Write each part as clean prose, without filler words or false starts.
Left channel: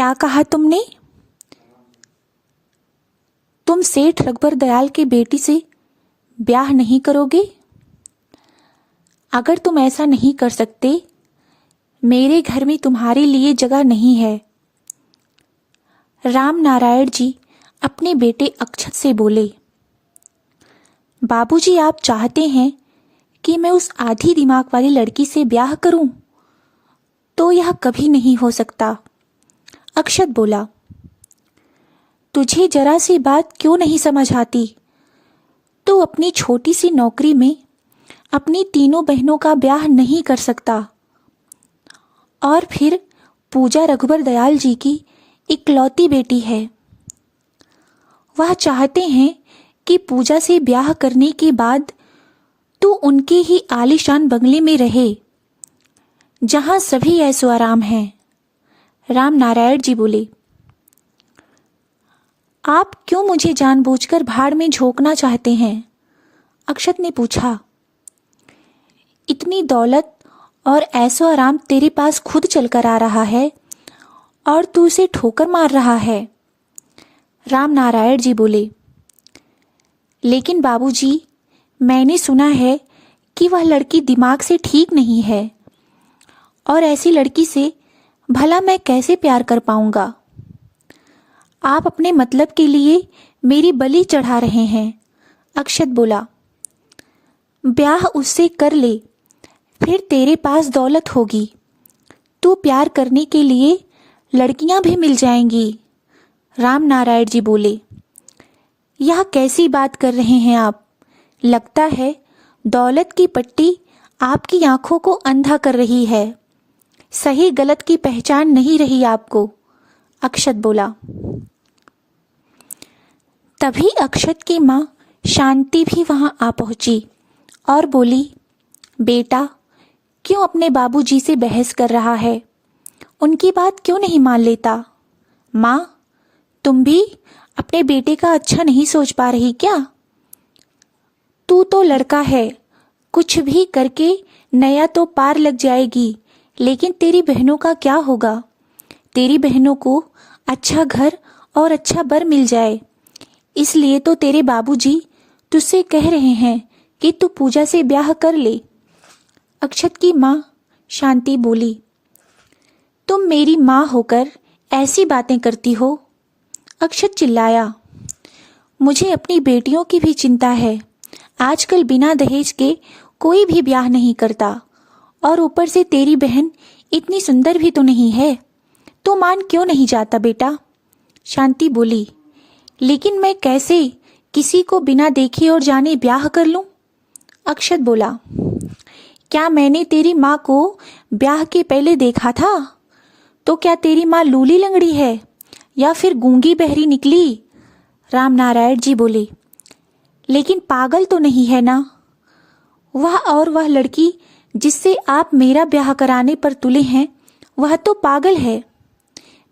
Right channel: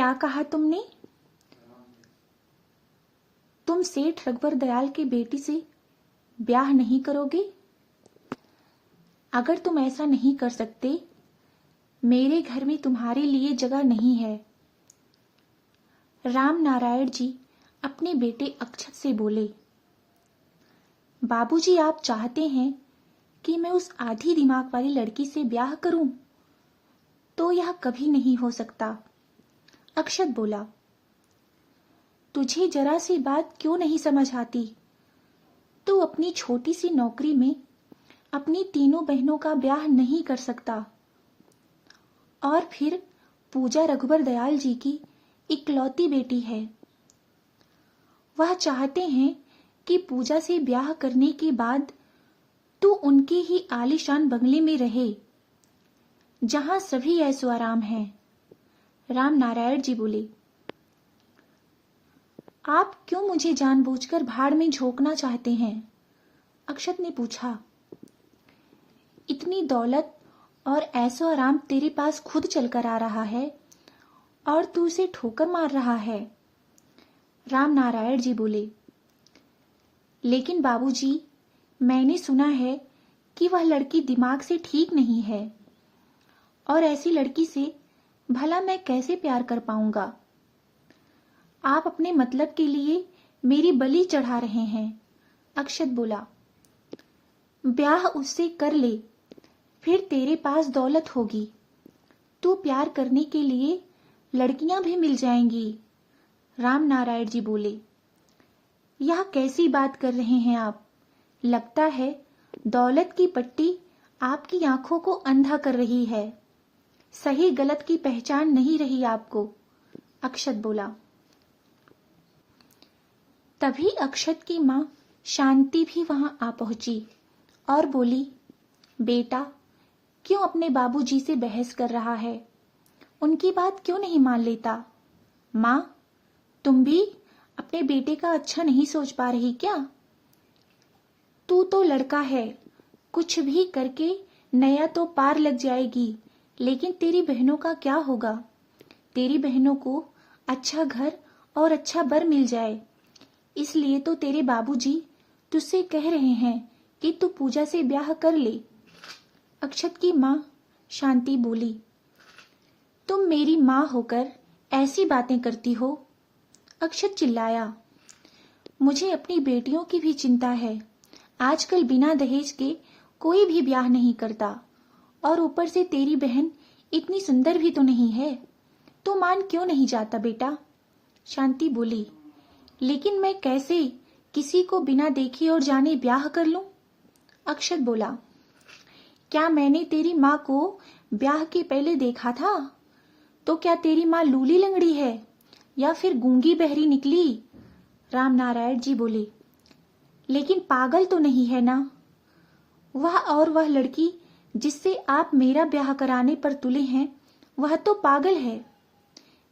क्या कहा तुमने? तुम सेठ रघुबर दयाल के बेटी से ब्याह नहीं करोगे? अगर तुम ऐसा नहीं कर सकते, मेरे घर में तुम्हारे लिए जगह नहीं है। राम नारायण जी अपने बेटे अक्षत से बोले, बाबूजी, आप चाहते हैं कि मैं उस आधी दिमाग वाली लड़की से ब्याह करूं? तो यह कभी नहीं हो सकता। अक्षत बोला, तुझे जरा सी बात क्यों नहीं समझ आती? तू अपनी छोटी सी नौकरी में अपनी तीनों बहनों का ब्याह नहीं कर सकता। और फिर पूजा रघुबर दयाल जी की इकलौती बेटी है। वह चाहते हैं कि पूजा से ब्याह करने के बाद तू उनके ही आलीशान बंगले में रहे, जहां सभी ऐसो आराम है। राम नारायण जी बोले, आप क्यों मुझे जानबूझकर भाड़ में झोंकना चाहते हैं? अक्षत ने पूछा। इतनी दौलत और ऐसो आराम तेरे पास खुद चलकर आ रहा है और तू उसे ठोकर मार रहा है। राम नारायण जी बोले, लेकिन बाबूजी, मैंने सुना है कि वह लड़की दिमाग से ठीक नहीं है, और ऐसी लड़की से भला मैं कैसे प्यार कर पाऊंगा? आप अपने मतलब के लिए मेरी बलि चढ़ा रहे हैं। अक्षत बोला, ब्याह उससे कर ले, फिर तेरे पास दौलत होगी। तू प्यार करने के लिए लड़कियां भी मिल जाएंगी। राम नारायण जी बोले, यह कैसी बात कर रहे हैं आप? लगता है दौलत की पट्टी आपकी आंखों को अंधा कर रही है। सही गलत की पहचान नहीं रही आपको। अक्षत बोला। तभी अक्षत की माँ शांति भी वहां आ पहुंची और बोली, बेटा, क्यों अपने बाबूजी से बहस कर रहा है? उनकी बात क्यों नहीं मान लेता? माँ, तुम भी अपने बेटे का अच्छा नहीं सोच पा रही क्या? तू तो लड़का है, कुछ भी करके नया तो पार लग जाएगी, लेकिन तेरी बहनों का क्या होगा? तेरी बहनों को अच्छा घर और अच्छा बर मिल जाए, इसलिए तो तेरे बाबूजी तुझसे कह रहे हैं कि तू पूजा से ब्याह कर ले। अक्षत की माँ शांति बोली, तुम मेरी माँ होकर ऐसी बातें करती हो? अक्षत चिल्लाया, मुझे अपनी बेटियों की भी चिंता है। आजकल बिना दहेज के कोई भी ब्याह नहीं करता, और ऊपर से तेरी बहन इतनी सुंदर भी तो नहीं है। तो मान क्यों नहीं जाता बेटा? शांति बोली, लेकिन मैं कैसे किसी को बिना देखे और जाने ब्याह कर लूं? अक्षत बोला, क्या मैंने तेरी माँ को ब्याह के पहले देखा था? तो क्या तेरी माँ लूली लंगड़ी है या फिर गूंगी बहरी निकली? राम नारायण जी बोले, लेकिन पागल तो नहीं है ना? वह और वह लड़की जिससे आप मेरा ब्याह कराने पर तुले हैं, वह तो पागल है।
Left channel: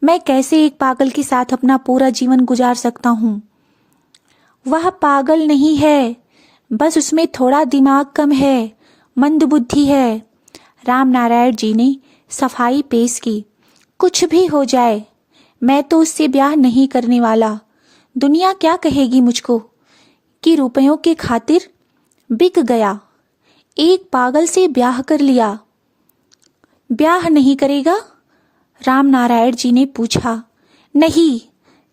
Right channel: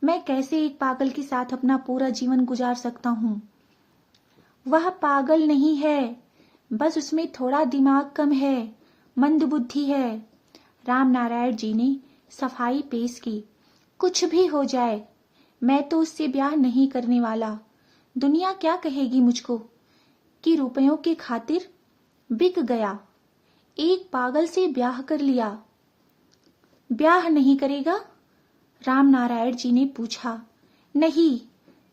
मैं कैसे एक पागल के साथ अपना पूरा जीवन गुजार सकता हूँ? वह पागल नहीं है, बस उसमें थोड़ा दिमाग कम है, मंद बुद्धि है। राम नारायण जी ने सफाई पेश की, कुछ भी हो जाए, मैं तो उससे ब्याह नहीं करने वाला। दुनिया क्या कहेगी मुझको कि रुपयों के खातिर बिक गया, एक पागल से ब्याह कर लिया। ब्याह नहीं करेगा? राम नारायण जी ने पूछा। नहीं,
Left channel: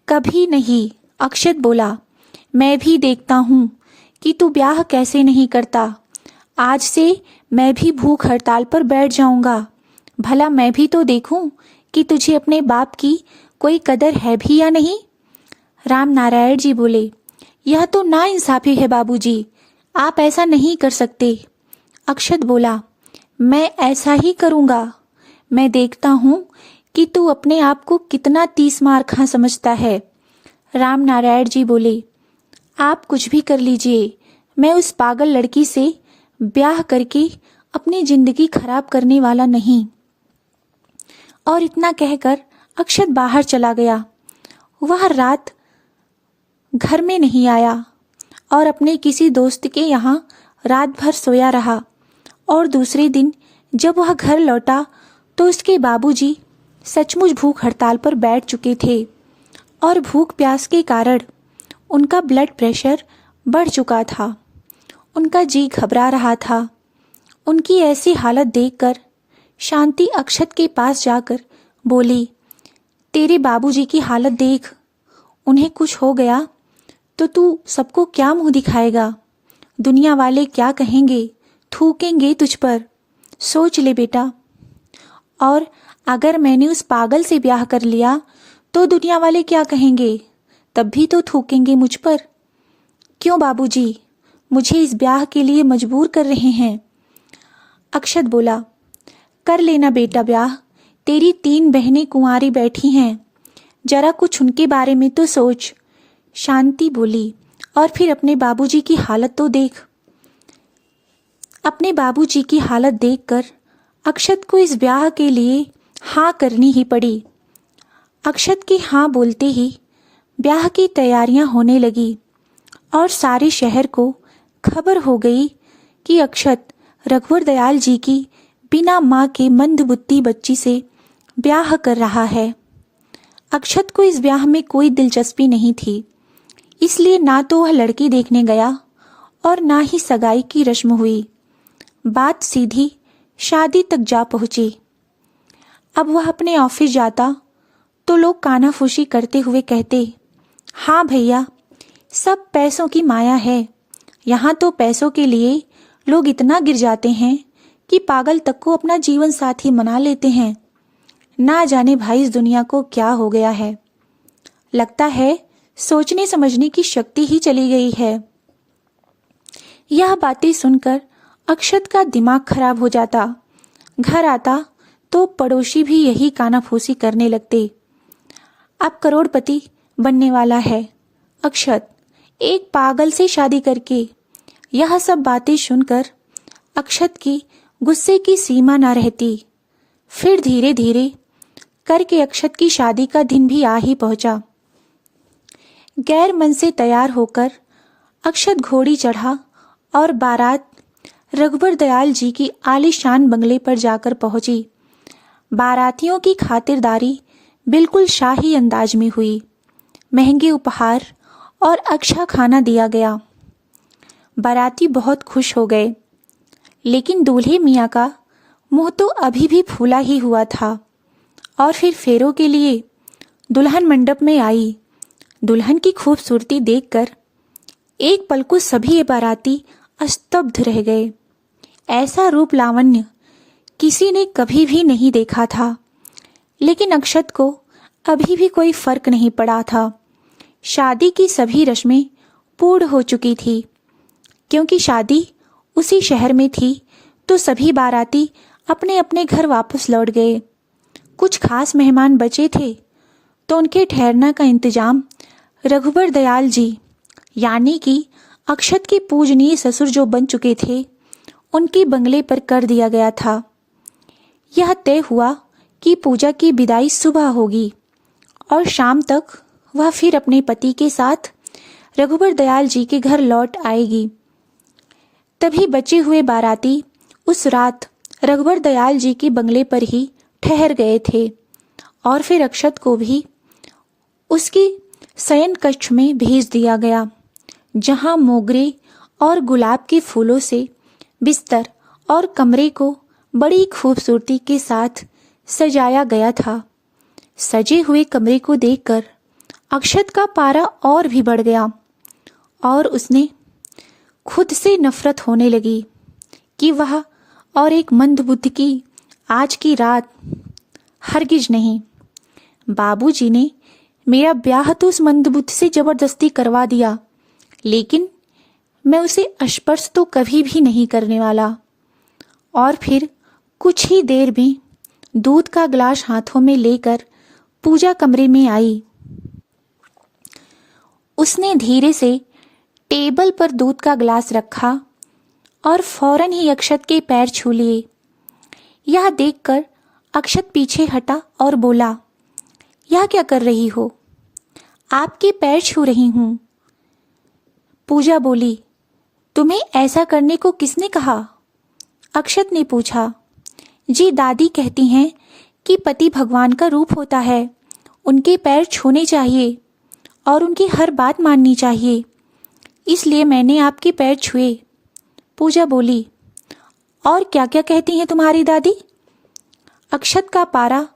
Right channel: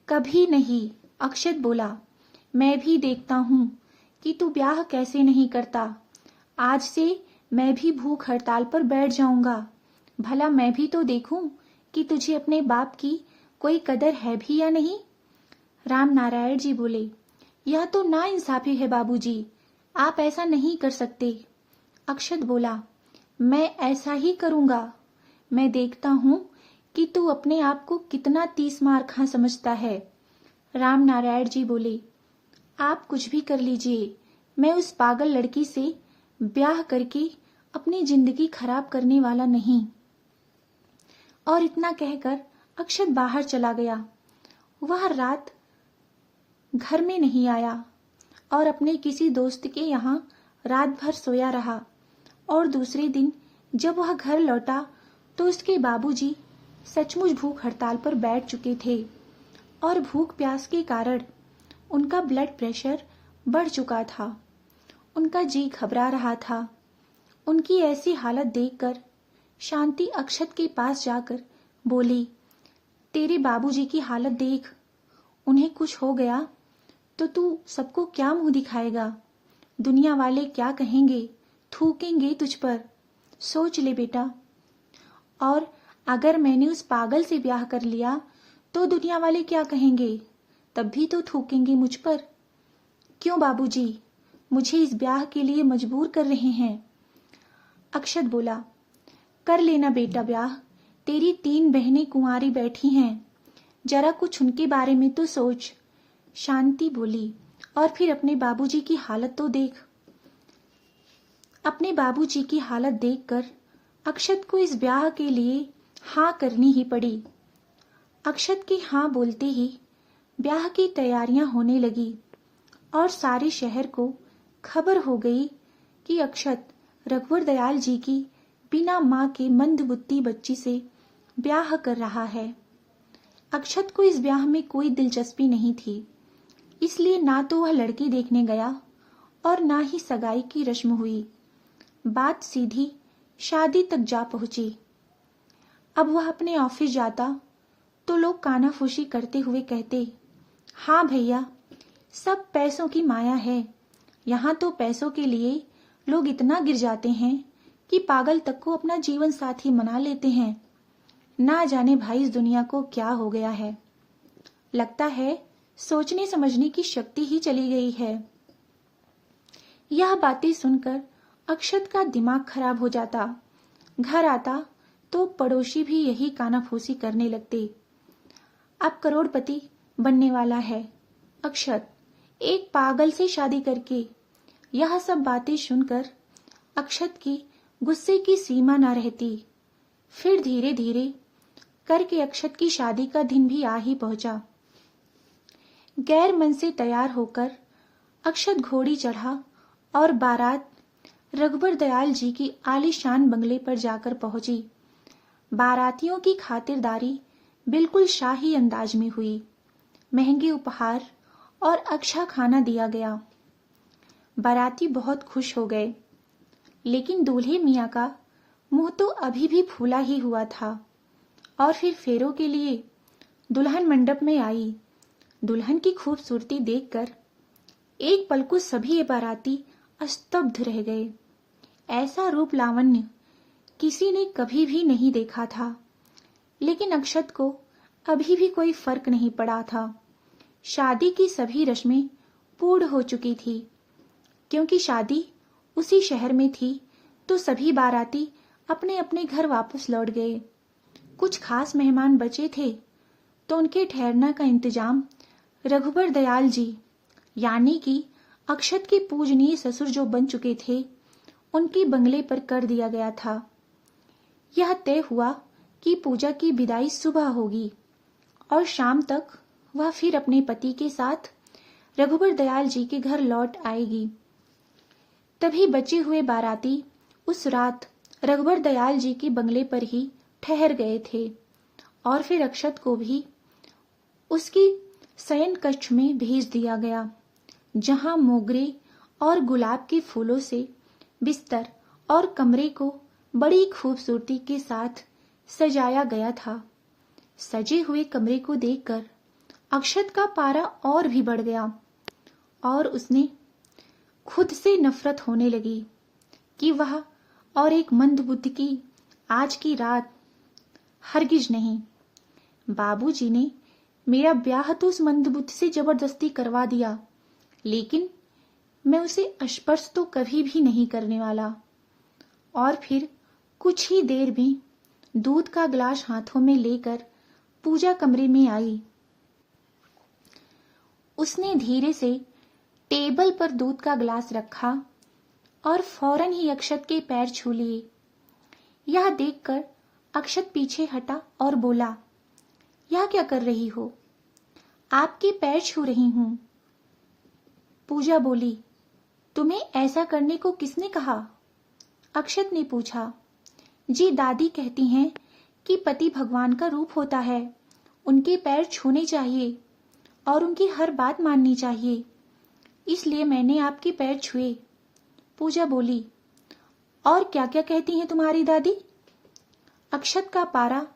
कभी नहीं। अक्षत बोला, मैं भी देखता हूँ कि तू ब्याह कैसे नहीं करता। आज से मैं भी भूख हड़ताल पर बैठ जाऊंगा। भला मैं भी तो देखूं कि तुझे अपने बाप की कोई कदर है भी या नहीं। राम नारायण जी बोले, यह तो नाइंसाफी है बाबूजी, आप ऐसा नहीं कर सकते। अक्षत बोला, मैं ऐसा ही करूंगा। मैं देखता हूं कि तू अपने आप को कितना 30 मार खा समझता है। राम नारायण जी बोले, आप कुछ भी कर लीजिए, मैं उस पागल लड़की से ब्याह करके अपनी जिंदगी खराब करने वाला नहीं। और इतना कहकर अक्षत बाहर चला गया। वह रात घर में नहीं आया और अपने किसी दोस्त के यहाँ रात भर सोया रहा। और दूसरे दिन जब वह घर लौटा तो उसके बाबूजी सचमुच भूख हड़ताल पर बैठ चुके थे और भूख प्यास के कारण उनका ब्लड प्रेशर बढ़ चुका था। उनका जी घबरा रहा था। उनकी ऐसी हालत देखकर शांति अक्षत के पास जाकर बोली, तेरे बाबूजी की हालत देख, उन्हें कुछ हो गया तो तू सबको क्या मुंह दिखाएगा? दुनिया वाले क्या कहेंगे? थूकेंगे तुझ पर। सोच ले बेटा। और अगर मैंने उस पागल से ब्याह कर लिया तो दुनिया वाले क्या कहेंगे? तब भी तो थूकेंगे मुझ पर। क्यों बाबूजी मुझे इस ब्याह के लिए मजबूर कर रहे हैं? अक्षत बोला, कर लेना बेटा ब्याह। तेरी 3 बहनें कुंवारी बैठी हैं, जरा कुछ उनके बारे में तो सोच। शांति बोली, और फिर अपने बाबूजी की हालत तो देख। अपने बाबूजी की हालत देखकर अक्षत को इस ब्याह के लिए हाँ करनी ही पड़ी। अक्षत के हाँ बोलते ही ब्याह की तैयारियां होने लगी और सारे शहर को खबर हो गई कि अक्षत रघुवर दयाल जी की बिना माँ के मंदबुद्धि बच्ची से ब्याह कर रहा है। अक्षत को इस ब्याह में कोई दिलचस्पी नहीं थी, इसलिए ना तो वह लड़की देखने गया और ना ही सगाई की रस्म हुई। बात सीधी शादी तक जा पहुंची। अब वह अपने ऑफिस जाता तो लोग कानाफूसी करते हुए कहते, हाँ भैया, सब पैसों की माया है। यहाँ तो पैसों के लिए लोग इतना गिर जाते हैं कि पागल तक को अपना जीवन साथी मना लेते हैं। ना जाने भाई इस दुनिया को क्या हो गया है। लगता है सोचने समझने की शक्ति ही चली गई है। यह बातें सुनकर अक्षत का दिमाग खराब हो जाता। घर आता तो पड़ोसी भी यही कानाफूसी करने लगते। अब करोड़पति बनने वाला है अक्षत, एक पागल से शादी करके। यह सब बातें सुनकर अक्षत की गुस्से की सीमा ना रहती। फिर धीरे धीरे करके अक्षत की शादी का दिन भी आ ही पहुंचा। गैर मन से तैयार होकर अक्षत घोड़ी चढ़ा और बारात रघुवर दयाल जी की आलीशान बंगले पर जाकर पहुंची। बारातियों की खातिरदारी बिल्कुल शाही अंदाज में हुई। महंगे उपहार और अच्छा खाना दिया गया। बाराती बहुत खुश हो गए, लेकिन दूल्हे मियाँ का मुंह तो अभी भी फूला ही हुआ था। और फिर फेरों के लिए दुल्हन मंडप में आई। दुल्हन की खूबसूरती देखकर एक पल को सभी बाराती स्तब्ध रह गए। ऐसा रूप लावण्य किसी ने कभी भी नहीं देखा था। लेकिन अक्षत को अभी भी कोई फर्क नहीं पड़ा था। शादी की सभी रस्में पूर्ण हो चुकी थी। क्योंकि शादी उसी शहर में थी तो सभी बाराती अपने अपने घर वापस लौट गए। कुछ खास मेहमान बचे थे तो उनके ठहरने का इंतजाम रघुवर दयाल जी यानी कि अक्षत के पूजनीय ससुर जो बन चुके थे उनके बंगले पर कर दिया गया था। यह तय हुआ कि पूजा की विदाई सुबह होगी और शाम तक वह फिर अपने पति के साथ रघुवर दयाल जी के घर लौट आएगी। तभी बचे हुए बाराती उस रात रघुवर दयाल जी के बंगले पर ही ठहर गए थे और फिर अक्षत को भी उसकी शयन कक्ष में भेज दिया गया, जहां मोगरे और गुलाब के फूलों से बिस्तर और कमरे को बड़ी खूबसूरती के साथ सजाया गया था। सजे हुए कमरे को देखकर अक्षत का पारा और भी बढ़ गया और उसने खुद से नफरत होने लगी कि वह और एक मंदबुद्धि की आज की रात हरगिज नहीं। बाबूजी ने मेरा ब्याह तो उस मंदबुद्धि से जबरदस्ती करवा दिया, लेकिन मैं उसे स्पर्श तो कभी भी नहीं करने वाला। और फिर कुछ ही देर में दूध का गिलास हाथों में लेकर पूजा कमरे में आई। उसने धीरे से टेबल पर दूध का गिलास रखा और फौरन ही अक्षत के पैर छू लिए। यह देखकर अक्षत पीछे हटा और बोला, यह क्या कर रही हो? आपके पैर छू रही हूं। पूजा बोली, तुम्हें ऐसा करने को किसने कहा? अक्षत ने पूछा। जी दादी कहती हैं कि पति भगवान का रूप होता है, उनके पैर छूने चाहिए और उनकी हर बात माननी चाहिए, इसलिए मैंने आपके पैर छुए। पूजा बोली, और क्या क्या कहती हैं तुम्हारी दादी? अक्षत का पारा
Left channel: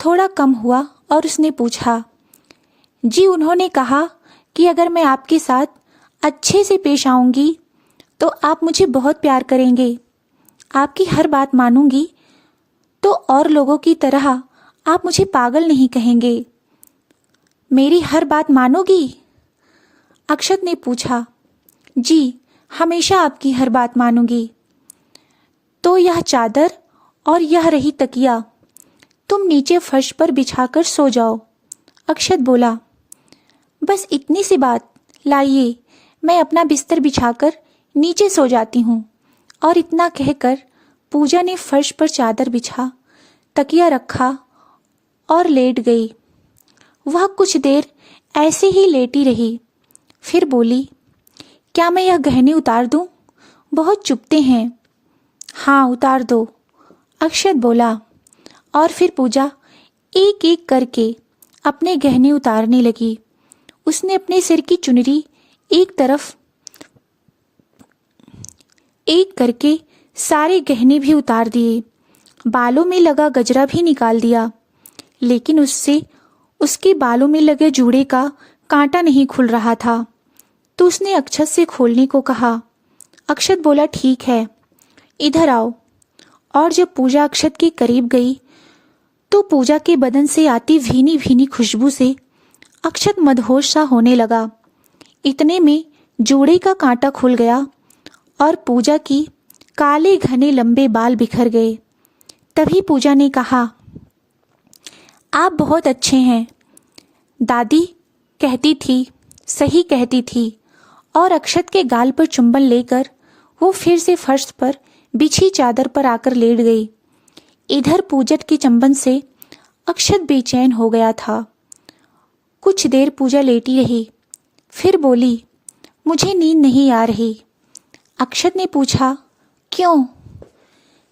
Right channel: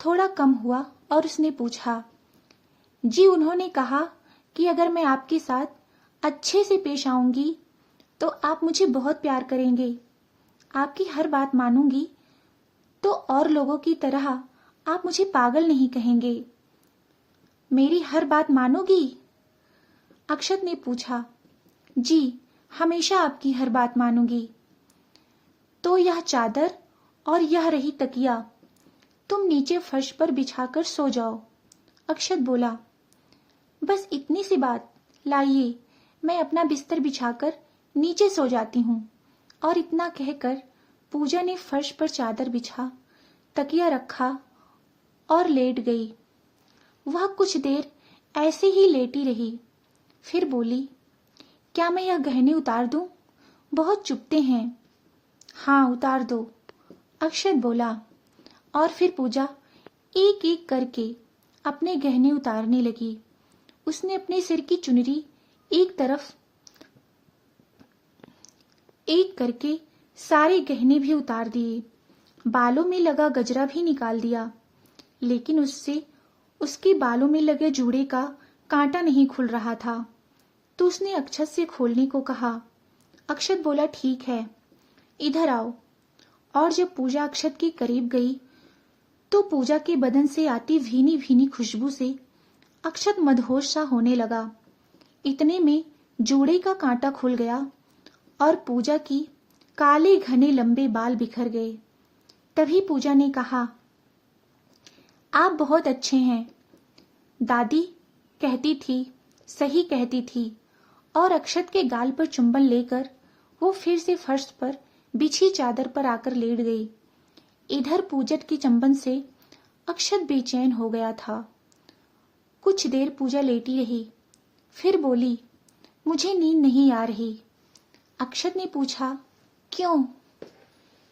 थोड़ा कम हुआ और उसने पूछा, जी उन्होंने कहा कि अगर मैं आपके साथ अच्छे से पेश आऊंगी तो आप मुझे बहुत प्यार करेंगे, आपकी हर बात मानूंगी तो और लोगों की तरह आप मुझे पागल नहीं कहेंगे। मेरी हर बात मानोगी? अक्षत ने पूछा। जी, हमेशा आपकी हर बात मानूंगी। तो यह चादर और यह रही तकिया, तुम नीचे फर्श पर बिछाकर सो जाओ। अक्षत बोला, बस इतनी सी बात, लाइए मैं अपना बिस्तर बिछाकर नीचे सो जाती हूँ। और इतना कहकर पूजा ने फर्श पर चादर बिछा, तकिया रखा और लेट गई। वह कुछ देर ऐसे ही लेटी रही, फिर बोली, क्या मैं यह गहने उतार दूं? बहुत चुभते हैं। हाँ, उतार दो, अक्षत बोला। और फिर पूजा एक एक करके अपने गहने उतारने लगी। उसने अपने सिर की चुनरी एक तरफ एक करके सारे गहने भी उतार दिए, बालों में लगा गजरा भी निकाल दिया, लेकिन उससे उसके बालों में लगे जूड़े का कांटा नहीं खुल रहा था। तो उसने अक्षत से खोलने को कहा। अक्षत बोला, ठीक है, इधर आओ। और जब पूजा अक्षत के करीब गई तो पूजा के बदन से आती भीनी भीनी खुशबू से अक्षत मदहोश सा होने लगा। इतने में जूड़े का कांटा खुल गया और पूजा की काले घने लंबे बाल बिखर गए। तभी पूजा ने कहा, आप बहुत अच्छे हैं। दादी कहती थी, सही कहती थी। और अक्षत के गाल पर चुंबन लेकर वो फिर से फर्श पर बिछी चादर पर आकर लेट गई। इधर पूजट के चंबन से अक्षत बेचैन हो गया था। कुछ देर पूजा लेटी रही, फिर बोली, मुझे नींद नहीं आ रही। अक्षत ने पूछा, क्यों?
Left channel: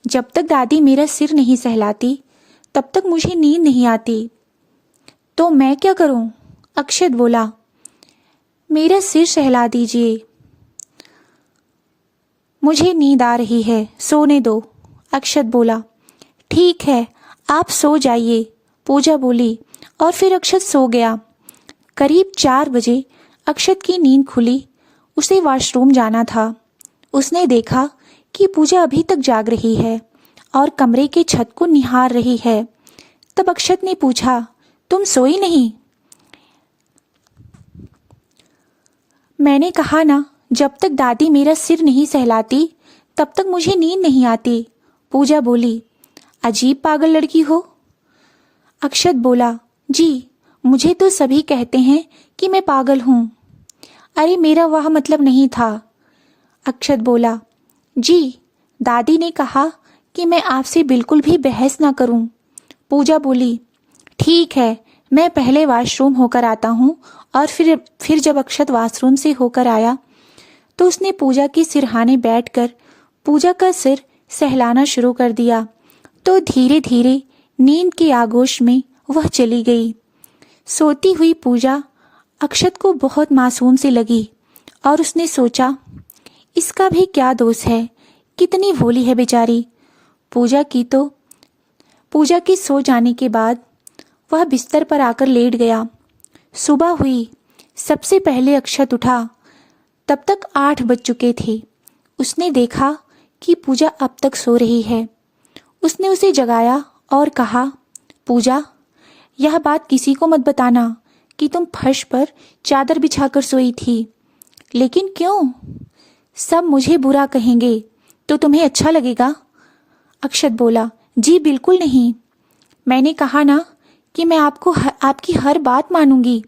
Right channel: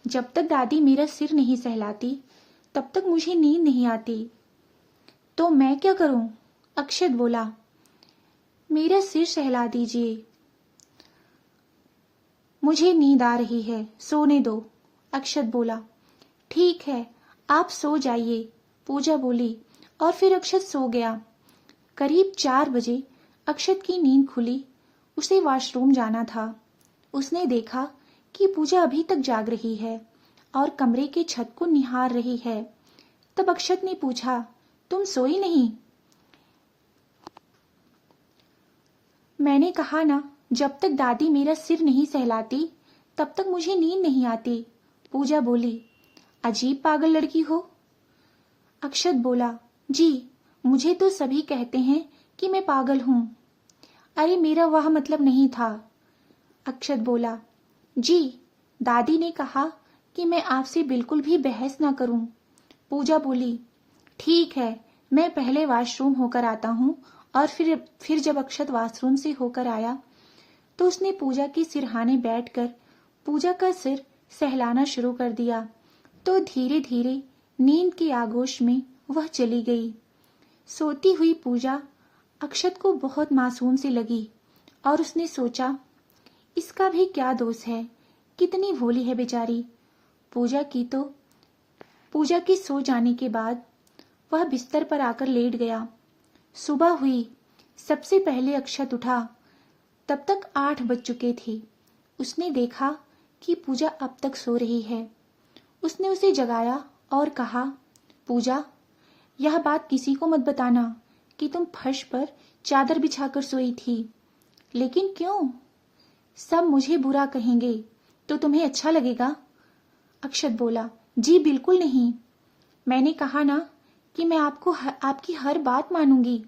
जब तक दादी मेरा सिर नहीं सहलाती तब तक मुझे नींद नहीं आती। तो मैं क्या करूं? अक्षत बोला, मेरा सिर सहला दीजिए। मुझे नींद आ रही है, सोने दो, अक्षत बोला। ठीक है, आप सो जाइए, पूजा बोली। और फिर अक्षत सो गया। करीब 4 बजे अक्षत की नींद खुली। उसे वॉशरूम जाना था। उसने देखा कि पूजा अभी तक जाग रही है और कमरे के छत को निहार रही है। तब अक्षत ने पूछा, तुम सोई नहीं? मैंने कहा ना, जब तक दादी मेरा सिर नहीं सहलाती तब तक मुझे नींद नहीं आती, पूजा बोली। अजीब पागल लड़की हो। अक्षत बोला, जी मुझे तो सभी कहते हैं कि मैं पागल हूं। अरे मेरा वह मतलब नहीं था। अक्षत बोला, जी दादी ने कहा कि मैं आपसे बिल्कुल भी बहस ना करूं। पूजा बोली, ठीक है, मैं पहले वॉशरूम होकर आता हूं। और फिर जब अक्षत वॉशरूम से होकर आया तो उसने पूजा के सिरहाने बैठकर पूजा का सिर सहलाना शुरू कर दिया। तो धीरे धीरे नींद के आगोश में वह चली गई। सोती हुई पूजा अक्षत को बहुत मासूम सी लगी और उसने सोचा, इसका भी क्या दोष है, कितनी भोली है बेचारी। पूजा की सो जाने के बाद वह बिस्तर पर आकर लेट गया। सुबह हुई। सबसे पहले अक्षत उठा। तब तक 8 बज चुके थे। उसने देखा कि पूजा अब तक सो रही है। उसने उसे जगाया और कहा, पूजा, यह बात किसी को मत बताना कि तुम फर्श पर चादर बिछाकर सोई थी। लेकिन क्यों? सब मुझे बुरा कहेंगे तो तुम्हें अच्छा लगेगा? अक्षत बोला, जी बिल्कुल नहीं। मैंने कहा ना कि मैं आपकी हर बात मानूंगी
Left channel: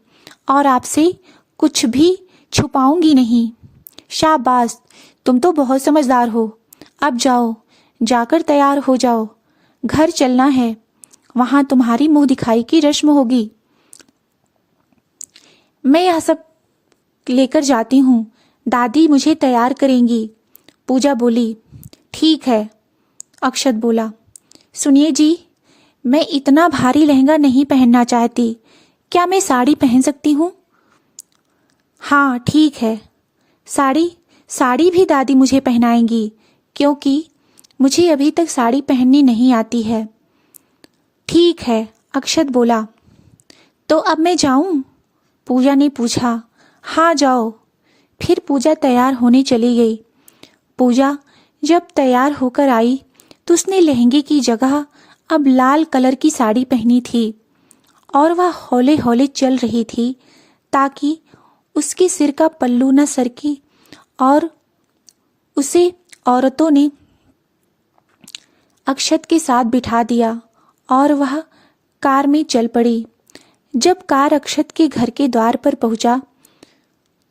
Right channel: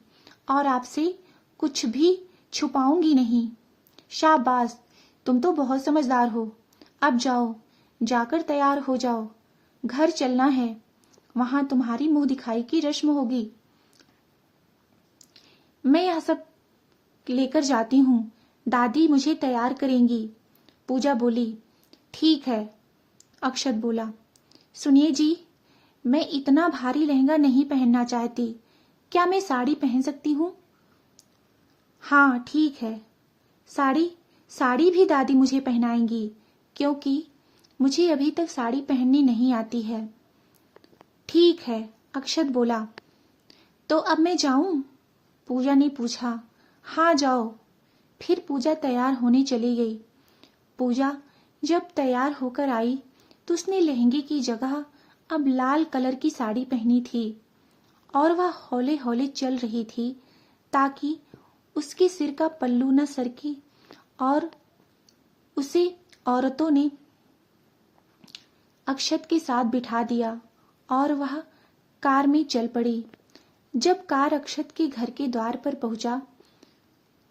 और आपसे कुछ भी छुपाऊंगी नहीं। शाबाश, तुम तो बहुत समझदार हो। अब जाओ, जाकर तैयार हो जाओ, घर चलना है, वहां तुम्हारी मुंह दिखाई की रस्म होगी। मैं यह सब लेकर जाती हूँ, दादी मुझे तैयार करेंगी, पूजा बोली। ठीक है, अक्षत बोला। सुनिए जी, मैं इतना भारी लहंगा नहीं पहनना चाहती। क्या मैं साड़ी पहन सकती हूँ? हाँ ठीक है, साड़ी भी दादी मुझे पहनाएंगी, क्योंकि मुझे अभी तक साड़ी पहननी नहीं आती है। ठीक है, अक्षत बोला। तो अब मैं जाऊं? पूजा ने पूछा। हाँ जाओ। फिर पूजा तैयार होने चली गई। पूजा जब तैयार होकर आई तो उसने लहंगे की जगह अब लाल कलर की साड़ी पहनी थी और वह हौले हौले चल रही थी ताकि उसके सिर का पल्लू न सरके, और उसे औरतों ने अक्षत के साथ बिठा दिया और वह कार में चल पड़ी। जब कार अक्षत के घर के द्वार पर पहुंचा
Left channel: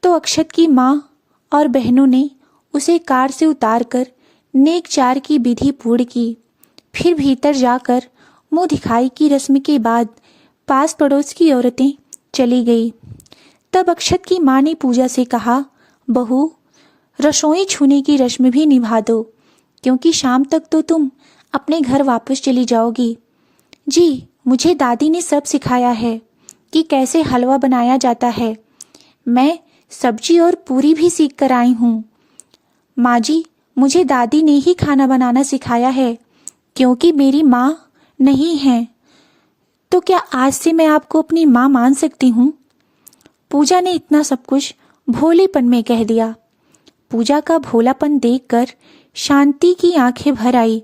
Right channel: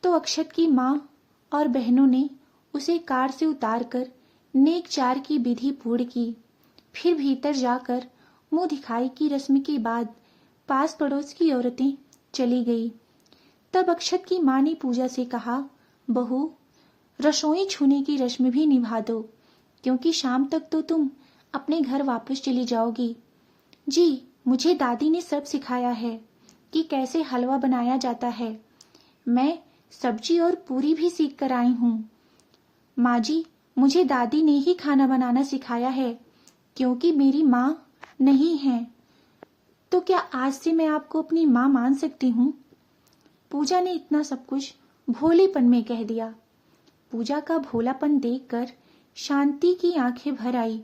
तो अक्षत की माँ और बहनों ने उसे कार से उतारकर नेक चार की विधि पूर्ण की। फिर भीतर जाकर मुंह दिखाई की रस्म के बाद पास पड़ोस की औरतें चली गई। तब अक्षत की माँ ने पूजा से कहा, बहू, रसोई छूने की रस्म भी निभा दो, क्योंकि शाम तक तो तुम अपने घर वापस चली जाओगी। जी, मुझे दादी ने सब सिखाया है कि कैसे हलवा बनाया जाता है। मैं सब्जी और पूरी भी सीख कर आई हूँ। माँ जी, मुझे दादी ने ही खाना बनाना सिखाया है, क्योंकि मेरी माँ नहीं है। तो क्या आज से मैं आपको अपनी माँ मान सकती हूँ? पूजा ने इतना सब कुछ भोलेपन में कह दिया। पूजा का भोलापन देखकर शांति की आंखें भर आई।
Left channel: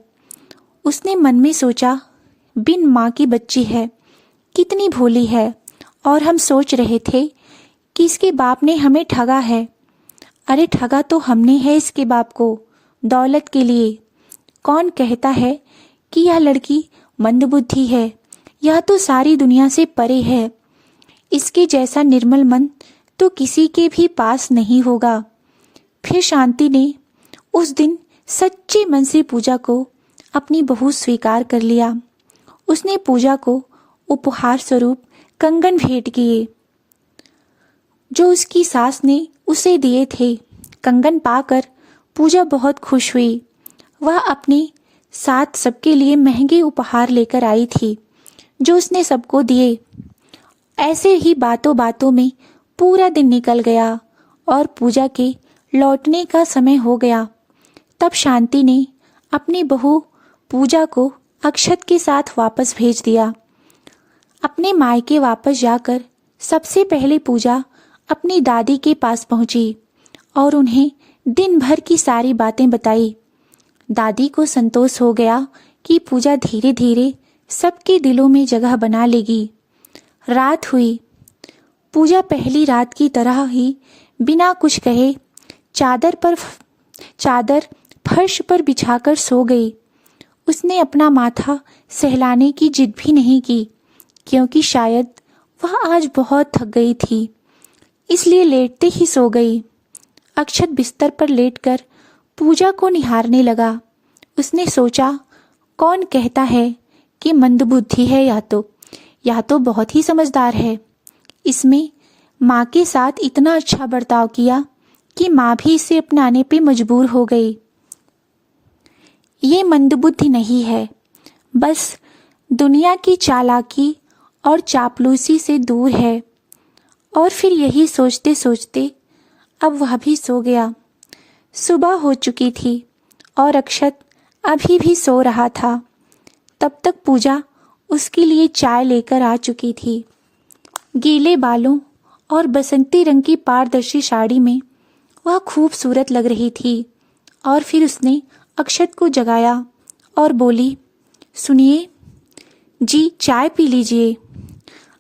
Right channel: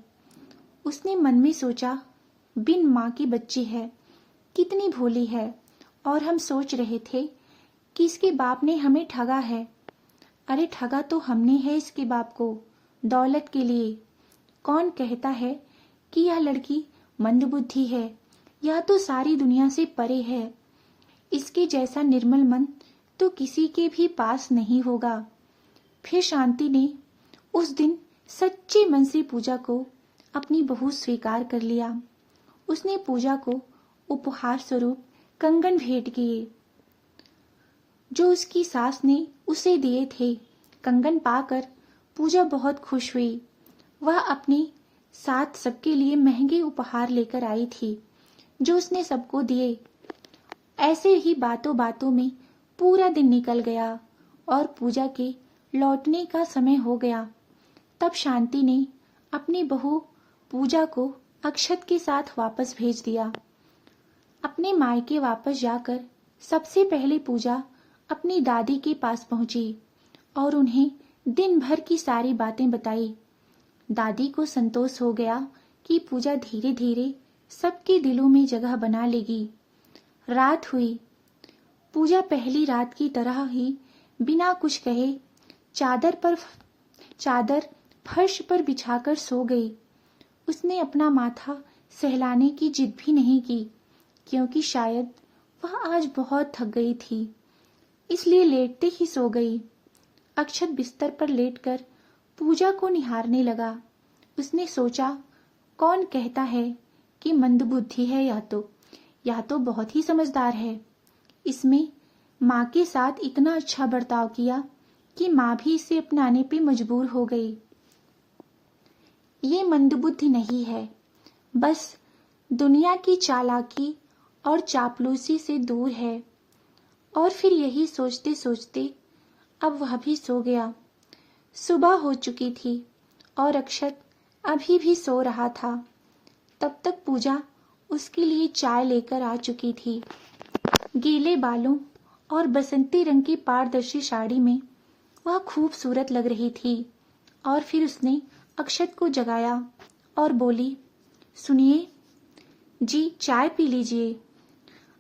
उसने मन में सोचा, बिन माँ की बच्ची है, कितनी भोली है, और हम सोच रहे थे कि इसके बाप ने हमें ठगा है। अरे ठगा तो हमने है इसके बाप को, दौलत के लिए। कौन कहता है कि यह लड़की मंदबुद्धि है? यह तो सारी दुनिया से परे है। इसके जैसा निर्मल मन तो किसी के भी पास नहीं होगा। फिर शांति ने उस दिन सच्चे मन से पूजा को अपनी बहू स्वीकार कर लिया। उसने पूजा को उपहार स्वरूप कंगन भेंट किए जो उसकी सास ने उसे दिए थे। कंगन पाकर पूजा बहुत खुश हुई। वह अपने साथ सबके लिए महंगे उपहार लेकर आई थी जो उसने सबको दिए। ऐसे ही बातों बातों में पूरा दिन निकल गया और पूजा के लौटने का समय हो गया। तब शांति ने अपनी बहू पूजा को अक्षत के साथ वापस भेज दिया। अपने मायके वापस जाकर सबसे पहले पूजा अपनी दादी के पास पहुंची और उन्हें दिन भर की सारी बातें बताई। दादी को संतोष हो गया कि पूजा धीरे धीरे सबके दिलों में जगह बना लेगी। रात हुई। पूजा पहली रात की तरह ही बिना कुछ कहे चादर फर्श पर बिछाकर सो गई। उसने अपना माथा सहलाने की जिद भी नहीं की, क्योंकि शायद वह आज बहुत थक गई थी, इसलिए लेटते ही सो गई। अक्षत बिस्तर पर लेटकर पूजा को निहारने लगा। उसने सोचा, कौन कहता है कि मंदबुद्धि है? या तो बहुत ही समझदार है। इसमें माँ के साथ इतना अच्छा बर्ताव किया कि माँ भी इसे अपनाने पे मजबूर हो गई। ये मंदबुद्धि नहीं है, बस दुनिया की चालाकी और चापलूसी से दूर है। और फिर यही सोचते सोचते अब वह भी सो गया। सुबह हो चुकी थी और अक्षत अभी भी सो रहा था। तब तक पूजा उसके लिए चाय लेकर आ चुकी थी। गीले बालों और बसंती रंग की पारदर्शी साड़ी में वह खूबसूरत लग रही थी। और फिर उसने अक्षत को जगाया और बोली, सुनिए जी, चाय पी लीजिए।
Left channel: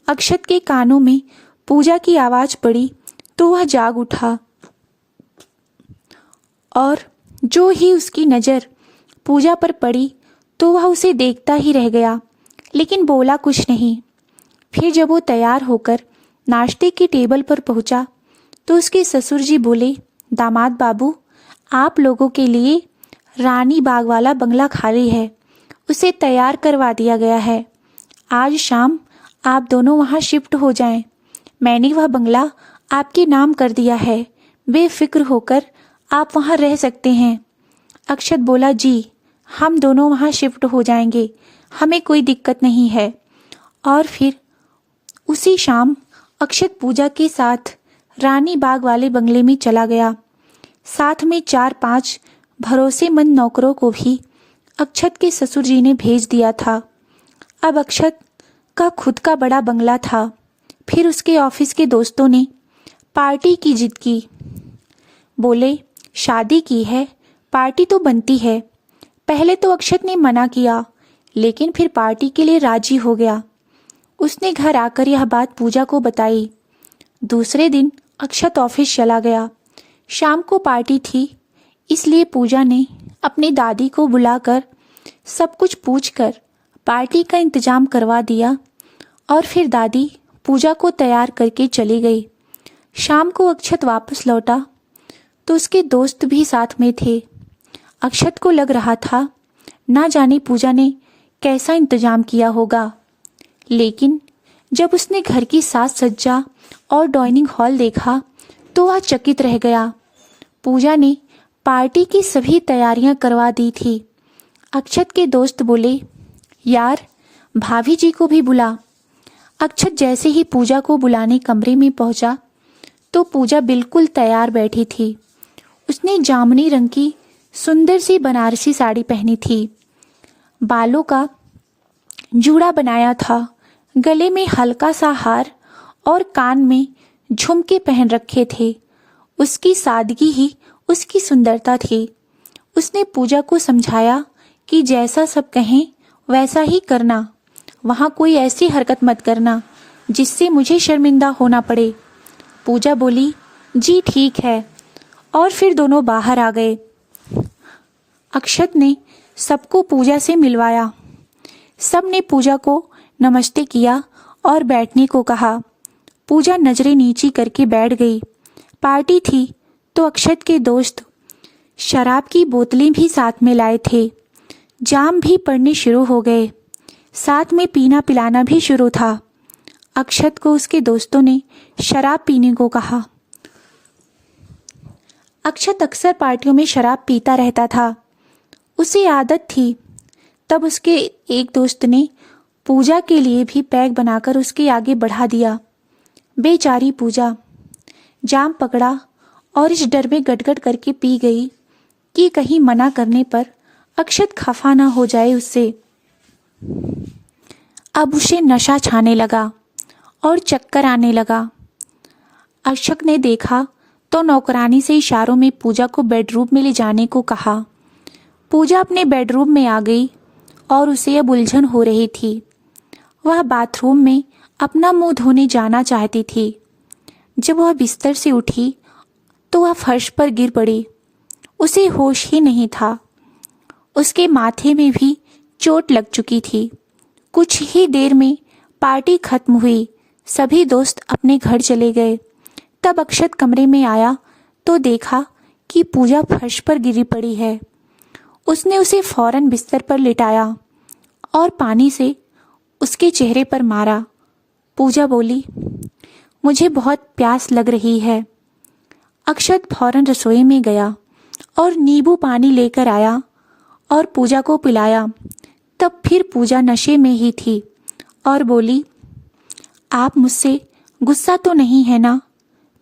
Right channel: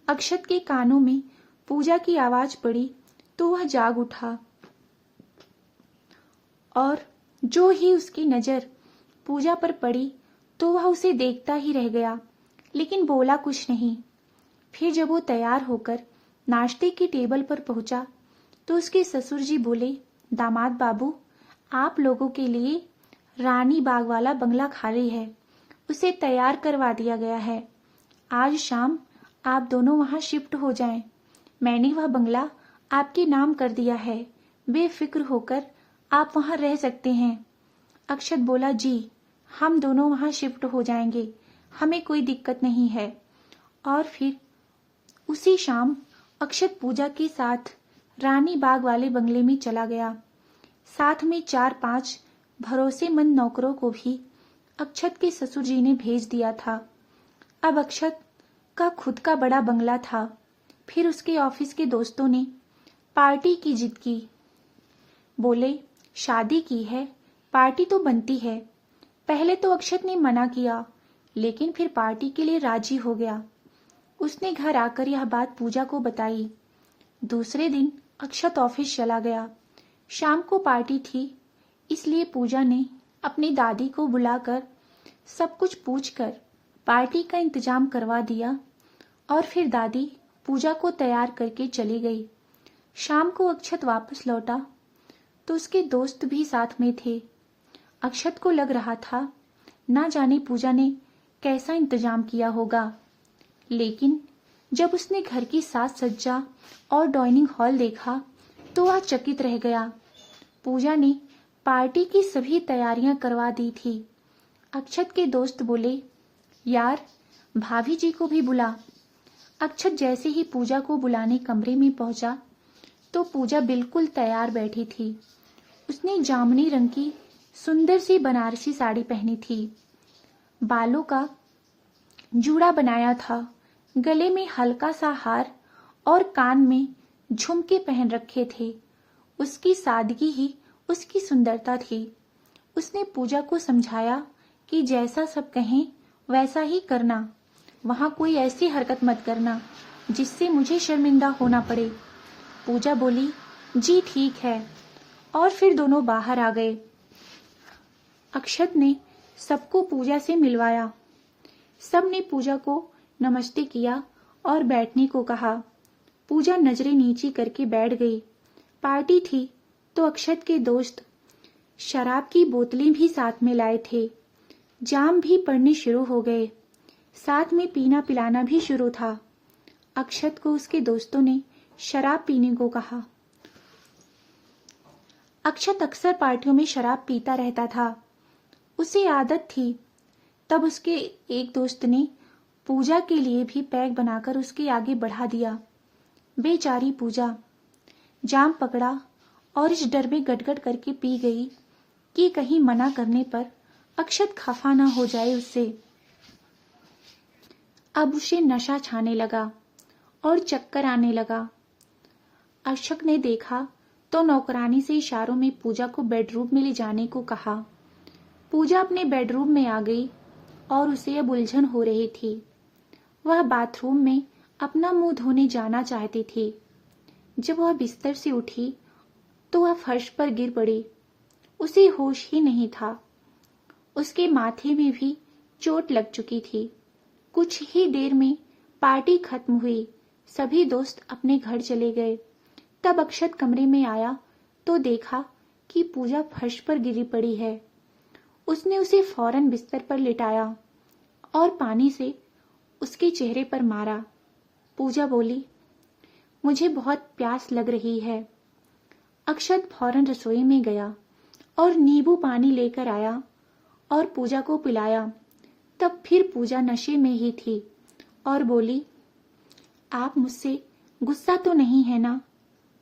अक्षत के कानों में पूजा की आवाज़ पड़ी तो वह जाग उठा और जो ही उसकी नज़र पूजा पर पड़ी तो वह उसे देखता ही रह गया, लेकिन बोला कुछ नहीं। फिर जब वो तैयार होकर नाश्ते की टेबल पर पहुंचा तो उसके ससुर जी बोले, दामाद बाबू, आप लोगों के लिए रानी बाग वाला बंगला खाली है, उसे तैयार करवा दिया गया है। आज शाम आप दोनों वहाँ शिफ्ट हो जाएं। मैंने वह बंगला आपके नाम कर दिया है, बेफिक्र होकर आप वहाँ रह सकते हैं। अक्षत बोला, जी हम दोनों वहाँ शिफ्ट हो जाएंगे, हमें कोई दिक्कत नहीं है। और फिर उसी शाम अक्षत पूजा के साथ रानी बाग वाले बंगले में चला गया। साथ में 4-5 भरोसेमंद नौकरों को भी अक्षत के ससुर जी ने भेज दिया था। अब अक्षत का खुद का बड़ा बंगला था। फिर उसके ऑफिस के दोस्तों ने पार्टी की जिद की। बोले, शादी की है, पार्टी तो बनती है। पहले तो अक्षत ने मना किया, लेकिन फिर पार्टी के लिए राजी हो गया। उसने घर आकर यह बात पूजा को बताई। दूसरे दिन अक्षत ऑफिस चला गया। शाम को पार्टी थी, इसलिए पूजा ने अपनी दादी को बुलाकर सब कुछ पूछकर पार्टी का इंतजाम करवा दिया और फिर दादी पूजा को तैयार करके चली गई। शाम को अक्षत वापस लौटा तो उसके दोस्त भी साथ में थे। अक्षत को लग रहा था ना जाने पूजा ने कैसा इंतजाम किया होगा, लेकिन जब उसने घर की साज सज्जा और डाइनिंग हॉल देखा तो वह चकित रह गया। पूजा ने पार्टी की सभी तैयारियां करवा दी थी। अक्षत के दोस्त बोले, यार भाभी जी को भी बुला। अक्षत जैसे ही पूजा को बुलाने कमरे में पहुंचा तो पूजा बिल्कुल तैयार बैठी थी। उसने जामुनी रंग की सुंदर सी बनारसी साड़ी पहनी थी, बालों का जूड़ा बनाया था, गले में हल्का सा हार और कान में झुमके पहन रखे थे। उसकी सादगी ही उसकी सुंदरता थी। उसने पूजा को समझाया कि जैसा सब कहें वैसा ही करना, वहाँ कोई ऐसी हरकत मत करना जिससे मुझे शर्मिंदा होना पड़े। पूजा बोली, जी ठीक है, और फिर दोनों बाहर आ गए। अक्षत ने सबको पूजा से मिलवाया। सब ने पूजा को नमस्ते किया और बैठने को कहा। पूजा नजरें नीची करके बैठ गई। पार्टी थी तो अक्षत के दोस्त शराब की बोतलें भी साथ में लाए थे। जाम भी पड़ने शुरू हो गए, साथ में पीना पिलाना भी शुरू था। अक्षत को उसके दोस्तों ने शराब पीने को कहा। अक्षत अक्सर पार्टियों में शराब पीता रहता था, उसे आदत थी। तब उसके एक दोस्त ने पूजा के लिए भी पैक बनाकर उसके आगे बढ़ा दिया। बेचारी पूजा जाम पकड़ा और इस डर में गटगट करके पी गई कि कहीं मना करने पर अक्षत खफा ना हो जाए उससे। अब उसे नशा छाने लगा और चक्कर आने लगा। अक्षत ने देखा तो नौकरानी से इशारों में पूजा को बेडरूम में ले जाने को कहा। पूजा अपने बेडरूम में आ गई और उसे अब उलझन हो रही थी। वह बाथरूम में अपना मुंह धोने जाना चाहती थी। जब वह बिस्तर से उठी तो वह फर्श पर गिर पड़ी। उसे होश ही नहीं था। उसके माथे में भी चोट लग चुकी थी। कुछ ही देर में पार्टी खत्म हुई। सभी दोस्त अपने घर चले गए। तब अक्षत कमरे में आया तो देखा कि पूजा फर्श पर गिरी पड़ी है। उसने उसे फौरन बिस्तर पर लिटाया और पानी से उसके चेहरे पर मारा। पूजा बोली, मुझे बहुत प्यास लग रही है। अक्षत फौरन रसोई में गया और नींबू पानी लेकर आया और पूजा को पिलाया। तब फिर पूजा नशे में ही थी और बोली, आप मुझसे गुस्सा तो नहीं है ना?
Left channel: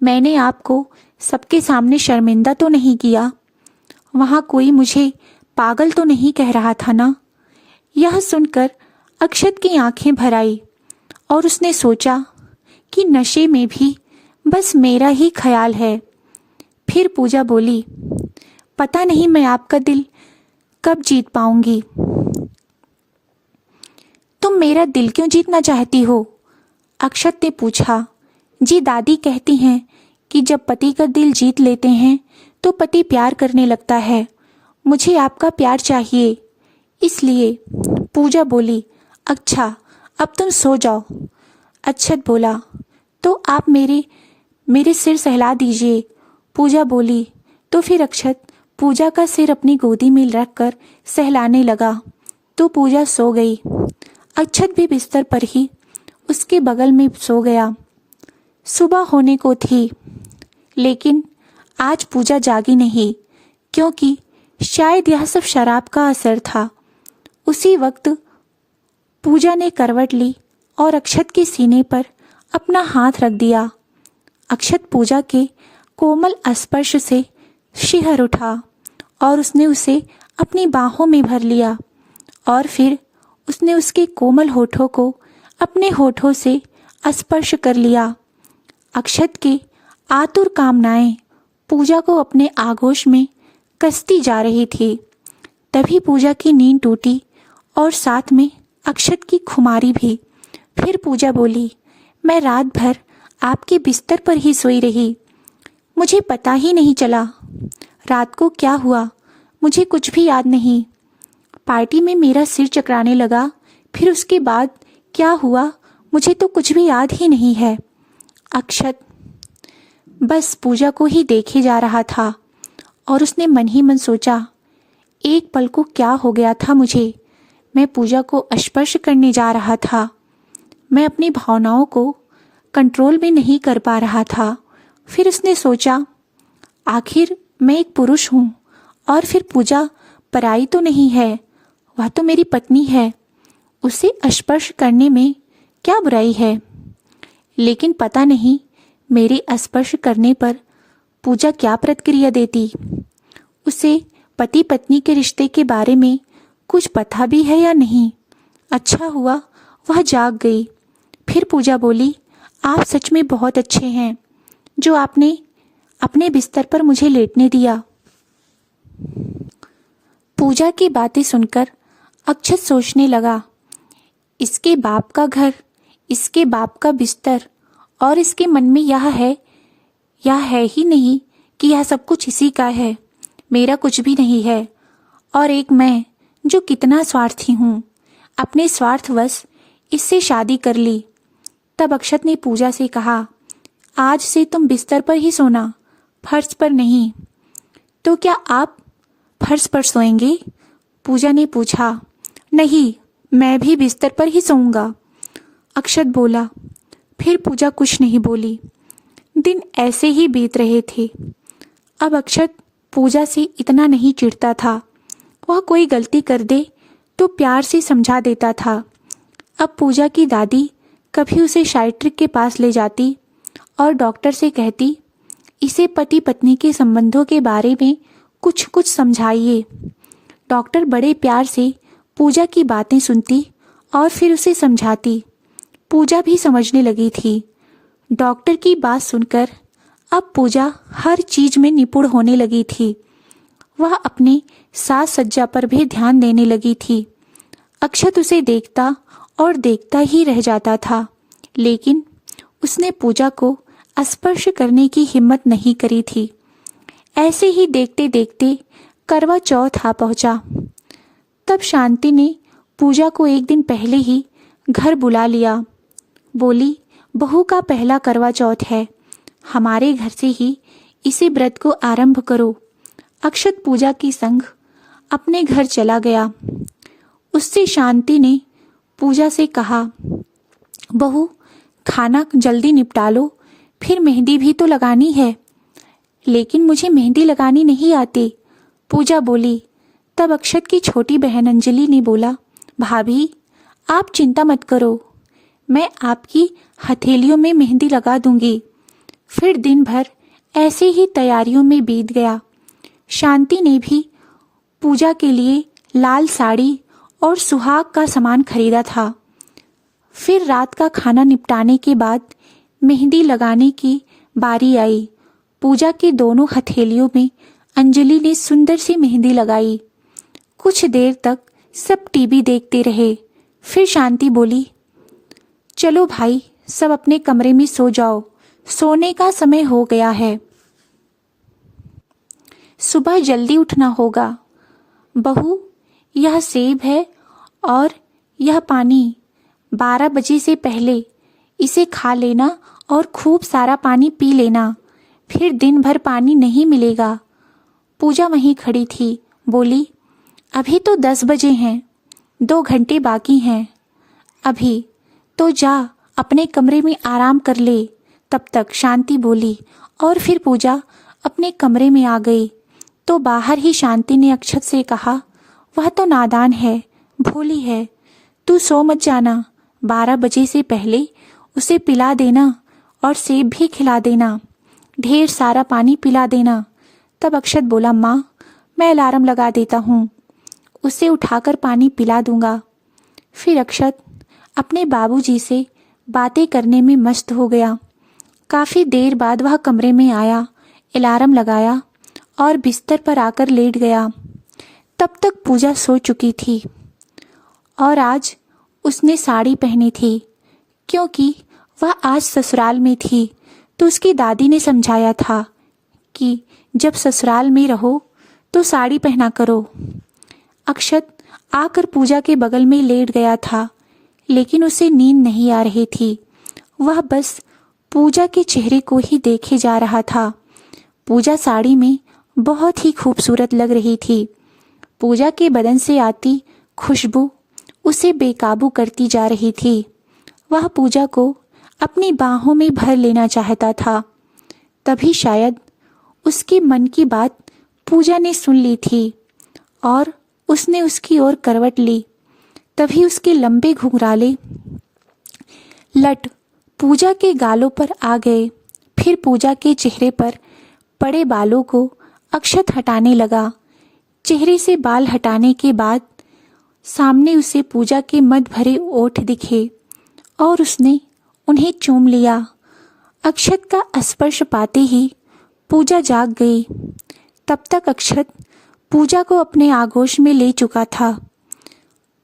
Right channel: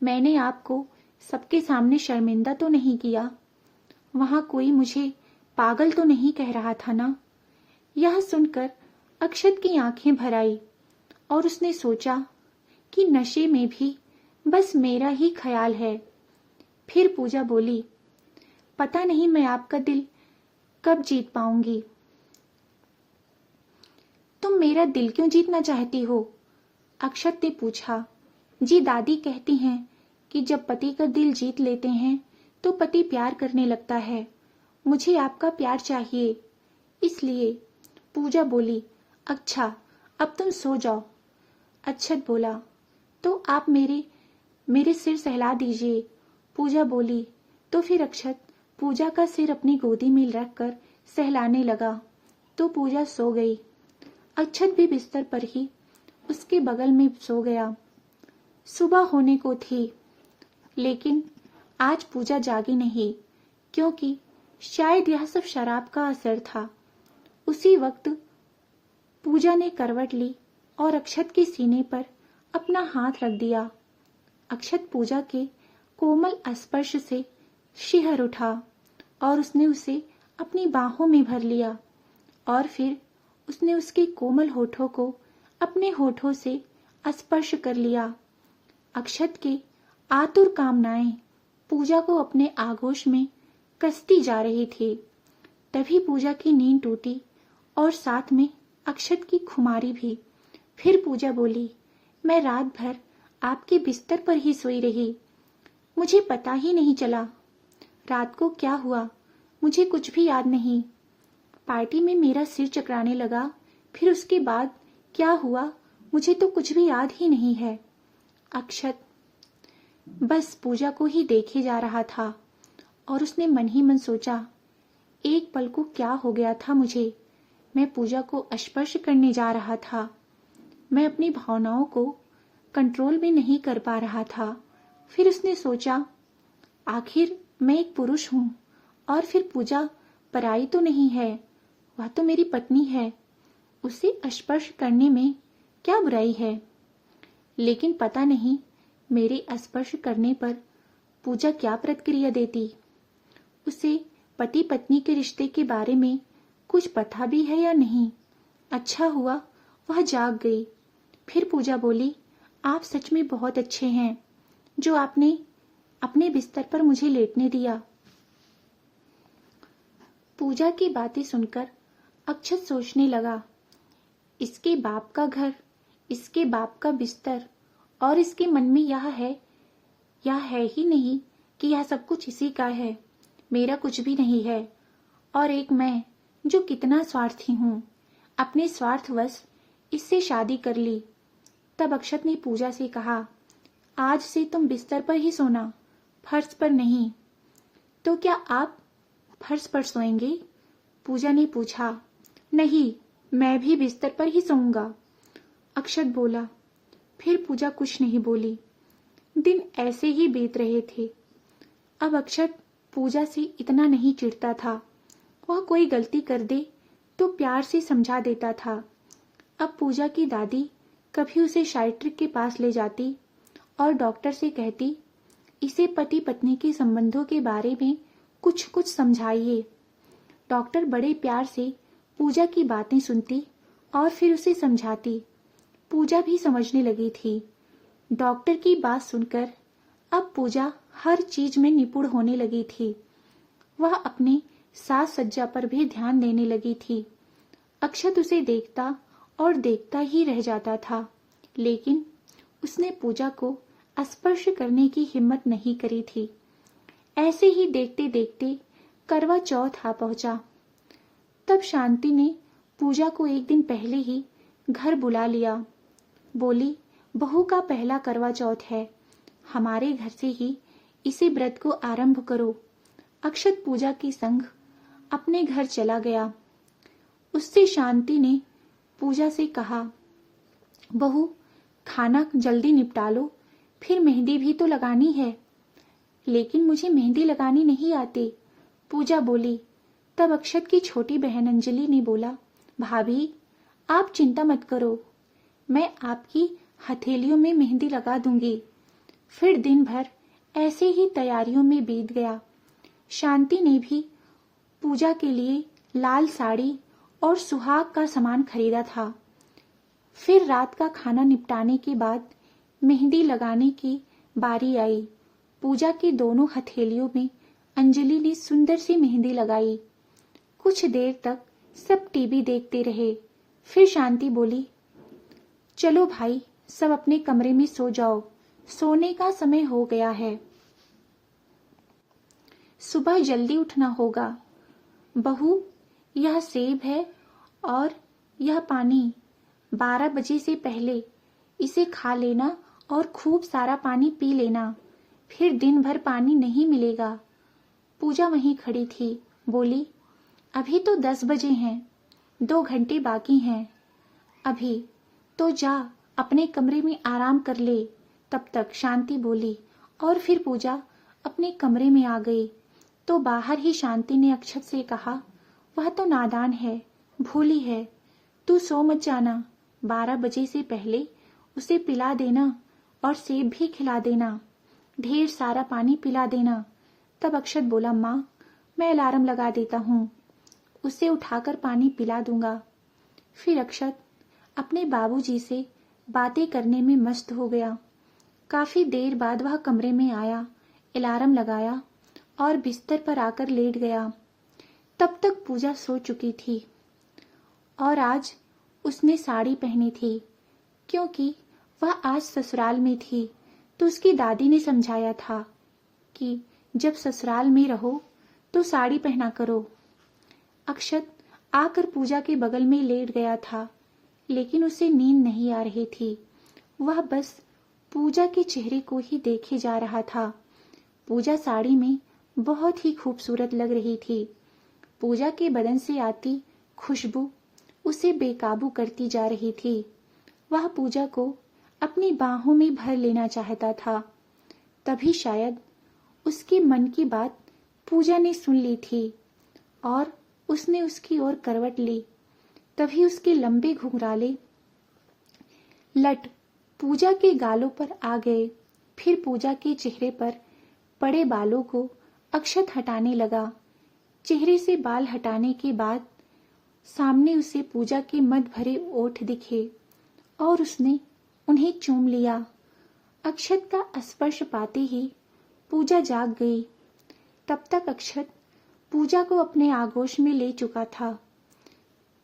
मैंने आपको सबके सामने शर्मिंदा तो नहीं किया? वहाँ कोई मुझे पागल तो नहीं कह रहा था ना? यह सुनकर अक्षत की आंखें भर आई और उसने सोचा कि नशे में भी बस मेरा ही ख्याल है। फिर पूजा बोली, पता नहीं मैं आपका दिल कब जीत पाऊंगी। तुम मेरा दिल क्यों जीतना चाहती हो? अक्षत ने पूछा। जी दादी कहती हैं कि जब पति का दिल जीत लेते हैं तो पति प्यार करने लगता है। मुझे आपका प्यार चाहिए, इसलिए। पूजा बोली, अच्छा अब तुम सो जाओ। अक्षत बोला, तो आप मेरे सिर सहला दीजिए। पूजा बोली। तो फिर अक्षत पूजा का सिर अपनी गोदी में रखकर सहलाने लगा तो पूजा सो गई। अक्षत भी बिस्तर पर ही उसके बगल में सो गया। सुबह होने को थी, लेकिन आज पूजा जागी नहीं, क्योंकि शायद यह सब शराब का असर था। उसी वक्त पूजा ने करवट ली और अक्षत के सीने पर अपना हाथ रख दिया। अक्षत पूजा के कोमल स्पर्श से शिहर उठा और उसने उसे अपनी बाहों में भर लिया और फिर उसने उसके कोमल होठों को अपने होठों से स्पर्श कर लिया। अक्षत की आतुर कामनाएं पूजा को अपने आगोश में कसती जा रही थी। तभी पूजा की नींद टूटी और साथ में अक्षत की खुमारी भी। फिर पूजा बोली, मैं रात भर आपके बिस्तर पर ही सोई रही, मुझे पता ही नहीं चला रात को क्या हुआ, मुझे कुछ भी याद नहीं। पार्टी में मेरा सिर चकराने लगा, फिर उसके बाद क्या हुआ मुझे तो कुछ भी याद ही नहीं है। अक्षत बस पूजा को ही देखे जा रहा था और उसने मन ही मन सोचा, एक पल को क्या हो गया था मुझे। मैं पूजा को स्पर्श करने जा रहा था, मैं अपनी भावनाओं को कंट्रोल भी नहीं कर पा रहा था। फिर उसने सोचा, आखिर मैं एक पुरुष हूँ और फिर पूजा पराई तो नहीं है, वह तो मेरी पत्नी है, उसे स्पर्श करने में क्या बुराई है। लेकिन पता नहीं मेरे स्पर्श करने पर पूजा क्या प्रतिक्रिया देती। उसे पति पत्नी के रिश्ते के बारे में कुछ पता भी है या नहीं। अच्छा हुआ वह जाग गई। फिर पूजा बोली, आप सच में बहुत अच्छे हैं जो आपने अपने बिस्तर पर मुझे लेटने दिया। पूजा की बातें सुनकर अक्षत सोचने लगा, इसके बाप का घर, इसके बाप का बिस्तर और इसके मन में यह है ही नहीं कि यह सब कुछ इसी का है, मेरा कुछ भी नहीं है। और एक मैं जो कितना स्वार्थी हूँ, अपने स्वार्थवश इससे शादी कर ली। तब अक्षत ने पूजा से कहा, आज से तुम बिस्तर पर ही सोना, फर्श पर नहीं। तो क्या आप फर्श पर सोएंगे? पूजा ने पूछा। नहीं, मैं भी बिस्तर पर ही सोऊंगा, अक्षत बोला। फिर पूजा कुछ नहीं बोली। दिन ऐसे ही बीत रहे थे। अब अक्षत पूजा से इतना नहीं चिढ़ता था। वह कोई गलती कर दे तो प्यार से समझा देता था। अब पूजा की दादी कभी उसे साइट्रिक के पास ले जाती और डॉक्टर से कहती, इसे पति पत्नी के संबंधों के बारे में कुछ कुछ समझाइए। डॉक्टर बड़े प्यार से पूजा की बातें सुनती और फिर उसे समझाती। पूजा भी समझने लगी थी। डॉक्टर की बात सुनकर अब पूजा हर चीज में निपुण होने लगी थी। वह अपने साज सज्जा पर भी ध्यान देने लगी थी। अक्षत उसे देखता और देखता ही रह जाता था, लेकिन उसने पूजा को स्पर्श करने की हिम्मत नहीं करी थी। ऐसे ही देखते देखते करवा चौथ आ पहुंचा। तब शांति ने पूजा को एक दिन पहले ही घर बुला लिया। बोली, बहू का पहला करवा चौथ है, हमारे घर से ही इसी व्रत को आरंभ करो। अक्षत पूजा की संग अपने घर चला गया। उससे शांति ने पूजा से कहा, बहू खाना जल्दी निपटा लो, फिर मेहंदी भी तो लगानी है। लेकिन मुझे मेहंदी लगानी नहीं आती, पूजा बोली। तब अक्षत की छोटी बहन अंजलि ने बोला, भाभी आप चिंता मत करो, मैं आपकी हथेलियों में मेहंदी लगा दूंगी। फिर दिन भर ऐसे ही तैयारियों में बीत गया। शांति ने भी पूजा के लिए लाल साड़ी और सुहाग का सामान खरीदा था। फिर रात का खाना निपटाने के बाद मेहंदी लगाने की बारी आई। पूजा के दोनों हथेलियों में अंजलि ने सुंदर सी मेहंदी लगाई। कुछ देर तक सब टीवी देखते रहे। फिर शांति बोली, चलो भाई सब अपने कमरे में सो जाओ, सोने का समय हो गया है, सुबह जल्दी उठना होगा। बहू यह सेब है और यह पानी, 12 बजे से पहले इसे खा लेना और खूब सारा पानी पी लेना, फिर दिन भर पानी नहीं मिलेगा। पूजा वहीं खड़ी थी, बोली, अभी तो 10 बजे हैं, 2 घंटे बाकी हैं। अभी तो जा अपने कमरे में आराम कर ले। तब तक शांति बोली और फिर पूजा अपने कमरे में आ गई। तो बाहर ही शांति ने अक्षत से कहा, वह तो नादान है, भोली है, तू सो मत जाना, 12 बजे से पहले उसे पिला देना और सेब भी खिला देना, ढेर सारा पानी पिला देना। तब अक्षत बोला, माँ मैं अलार्म लगा देता हूँ, उसे उठाकर पानी पिला दूंगा। फिर अक्षत अपने बाबूजी से बातें करने में मस्त हो गया। काफ़ी देर बाद वह कमरे में आया, अलार्म लगाया और बिस्तर पर आकर लेट गया। तब तक पूजा सो चुकी थी और आज उसने साड़ी पहनी थी, क्योंकि वह आज ससुराल में थी। तो उसकी दादी ने समझाया था कि जब ससुराल में रहो तो साड़ी पहना करो। अक्षत आकर पूजा के बगल में लेट गया था, लेकिन उसे नींद नहीं आ रही थी। वह बस पूजा के चेहरे को ही देखे जा रहा था। पूजा साड़ी में बहुत ही खूबसूरत लग रही थी। पूजा के बदन से आती खुशबू उसे बेकाबू करती जा रही थी। वह पूजा को अपनी बाहों में भर लेना चाहता था। तभी शायद उसके मन की बात पूजा ने सुन ली थी और उसने उसकी ओर करवट ली। तभी उसके लंबे घुंघराले लट पूजा के गालों पर आ गए। फिर पूजा के चेहरे पर पड़े बालों को अक्षत हटाने लगा। चेहरे से बाल हटाने के बाद सामने उसे पूजा के मद भरे ओठ दिखे और उसने उन्हें चूम लिया। अक्षत का स्पर्श पाते ही पूजा जाग गई। तब तक अक्षत पूजा को अपने आगोश में ले चुका था।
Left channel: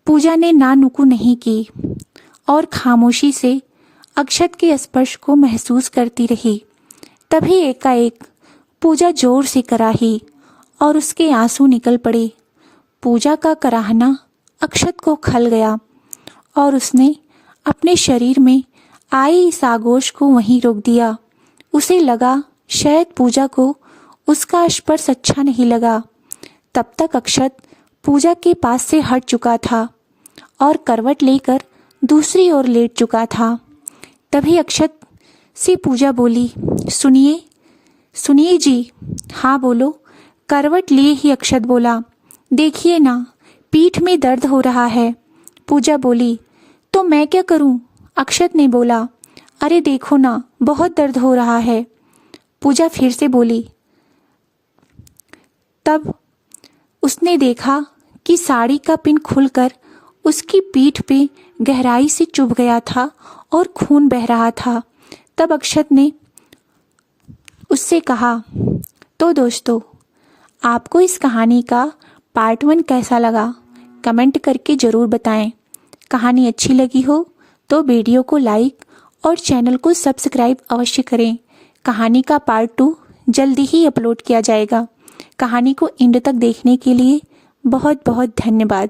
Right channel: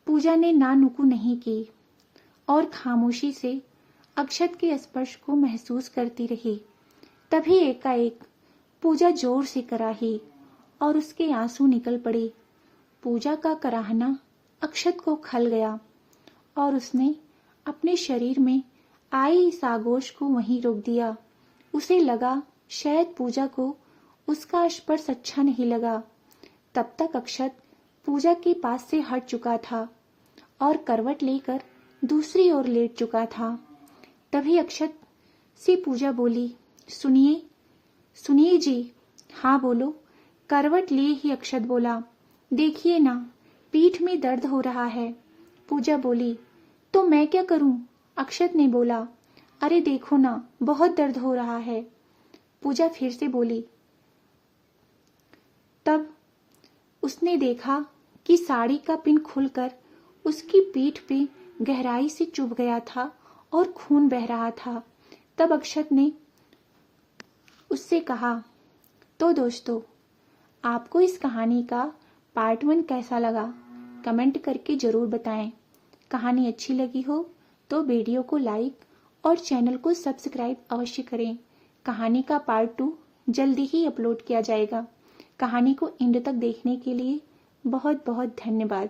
पूजा ने ना नुकु नहीं की और खामोशी से अक्षत के स्पर्श को महसूस करती रही। तभी एकाएक पूजा जोर से कराही और उसके आंसू निकल पड़े। पूजा का कराहना अक्षत को खल गया और उसने अपने शरीर में आए इस आगोश को वहीं रोक दिया। उसे लगा शायद पूजा को उसका स्पर्श अच्छा नहीं लगा। तब तक अक्षत पूजा के पास से हट चुका था और करवट लेकर दूसरी ओर लेट चुका था। तभी अक्षत से पूजा बोली, सुनिए सुनिए जी। हाँ बोलो। करवट लिए ही अक्षत बोला, देखिए ना पीठ में दर्द हो रहा है। पूजा बोली, तो मैं क्या करूं? अक्षत ने बोला, अरे देखो ना बहुत दर्द हो रहा है। पूजा फिर से बोली। तब उसने देखा कि साड़ी का पिन खुलकर उसकी पीठ पे गहराई से चुभ गया था और खून बह रहा था। तब अक्षत ने उससे कहा, तो दोस्तों आपको इस कहानी का पार्ट 1 कैसा लगा कमेंट करके ज़रूर बताएं। कहानी अच्छी लगी हो तो वीडियो को लाइक और चैनल को सब्सक्राइब अवश्य करें। कहानी का पार्ट 2 जल्दी ही अपलोड किया जाएगा। कहानी को एंड तक देखने के लिए बहुत बहुत धन्यवाद।